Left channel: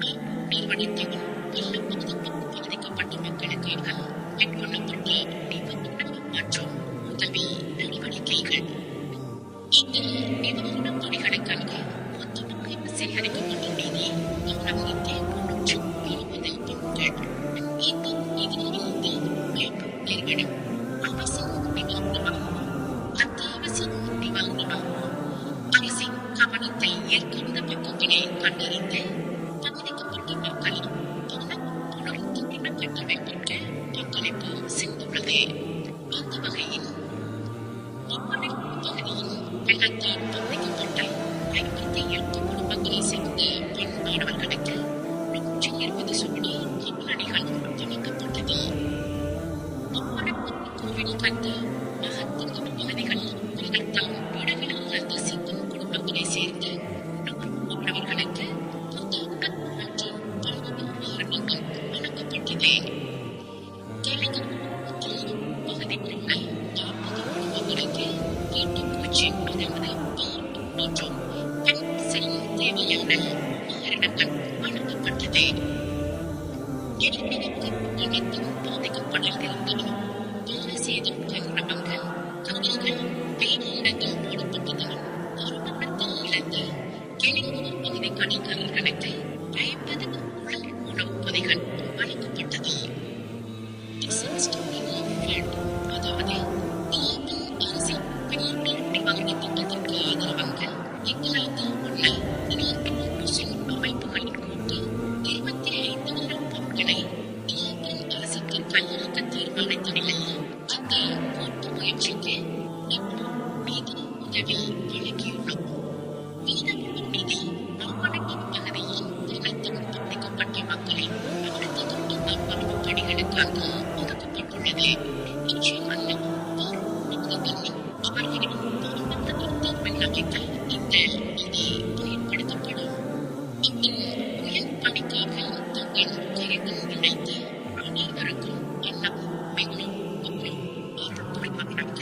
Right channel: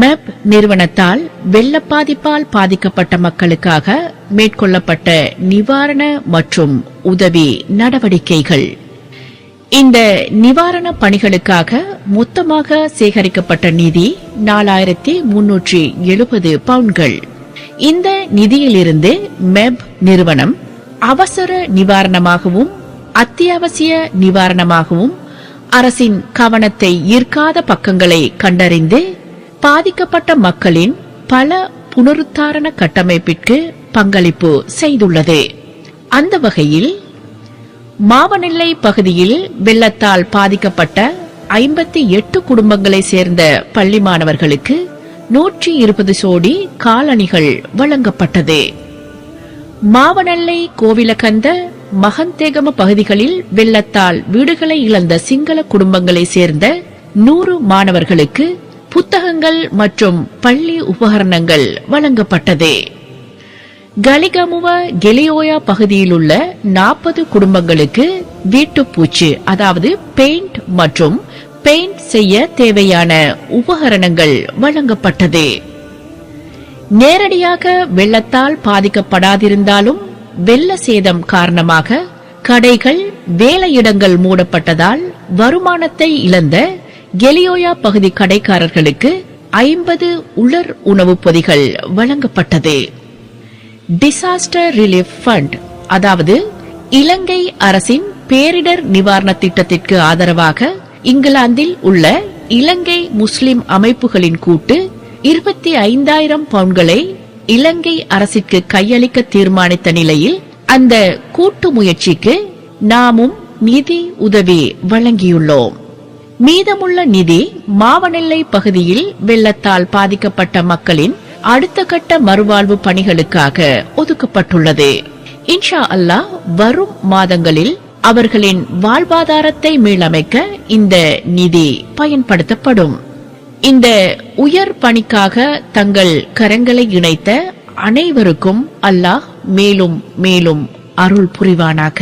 Map நிறுவனத்தால் வெள்ள பாதிப்பால் பாதிக்கப்பட்ட மக்களுக்காக மேற்கொள்ளப்பட்ட நிவாரண மற்றும் உதவி நடவடிக்கைகள். இந்த நிவாரண பணிகளுக்காக மொத்தமாக சேகரிக்கப்பட்ட நிதி 4370 பவுண்ட்கள். இந்த நிதியிலிருந்து மெப் நிறுவனம் அவசர நிவாரணமாகவும் அத்தியாவசிய நிவாரணமாகவும் அரசின் கவனத்தை ஈர்க்காத பக்கங்களை கண்டறிந்து பாதிக்கப்பட்ட மக்களின் பல புனருத்தாரண கட்டமைப்பிற்கு பங்களிப்பு செய்துள்ளது. அந்த வகையில் மாவனெல்லை பகுதியில் வெள்ளத்தால் பாதிக்கப்பட்ட 58 குடும்பங்களை சேர்ந்த பள்ளி மாணவர்களுக்கு 120 சோடி காலணிகள் வழங்கப்பட்டது. மாவனெல்லை, கோவிலகந்த, மகந்தேகம பகுதிகளில் வெள்ளத்தால் வீடுகளை இழந்த சிங்கள குடும்பங்களை சேர்ந்த 100 மாணவர்களுக்கு புத்தகங்கள் மற்றும் பள்ளி உபகரணங்கள் வழங்கப்பட்டது. கலிகமுவ கெலியோயா பகுதியில் உள்ள 40 குடும்பங்களுக்கு வீட்டுப்பூச்சு அதாவது பெயிண்ட் மற்றும் பெயிண்ட் செய்ய தேவையான உபகரணங்கள் வழங்கப்பட்டது. நேரடியாக வெள்ளத்தால் பாதிக்கப்படாதிருந்தாலும் வெள்ள சேதம் காரணமாக கடைகள், வேலையிடங்கள் மூடப்பட்டதால் வருமானத்தை இழந்த கெலியோயா பகுதி கடைக்காரர்களுக்கு 50 உலர் உணவுப் பொதிகள் வழங்கப்பட்டது. டிசாஸ்டர் ரிலீஃப் ஃபண்ட் அதாவது இலங்கை அரசின் பேரிடர் நிவாரண திட்டத்திற்கு ஆதரவாக இங்கிலாந்தில் உள்ள இலங்கை முஸ்லிம் அமைப்புகளின் கூட்டு 25,000 பவுண்ட்களை இலங்கை அரசிற்கு கையளிக்க தீர்மானித்த நிலையில் அந்த கூட்டு முயற்சிக்கு நாமும் நிதி உதவி வழங்கியுள்ளோம். மீதமுள்ள நிதி மாவனெல்லை பகுதியில் வெள்ளத்தால் பாதிக்கப்பட்ட மக்களின் அடுத்த கட்ட மறுவாழ்வு பணிகளுக்காக ஒதுக்கப்பட்டுள்ளது. இன்ஷா அல்லாஹ் வரும் மாதங்களில் அவர்களின் வாழ்வாதாரத்தை மீளமைக்க இந்த நிதி பயன்படுத்தப்படும். இந்த உயர் பணிக்காக தங்கள் கரங்களை இணைத்த அனைவருக்கும் அல்லாஹ் மேலும் மேலும் அருள் புரிவானாக.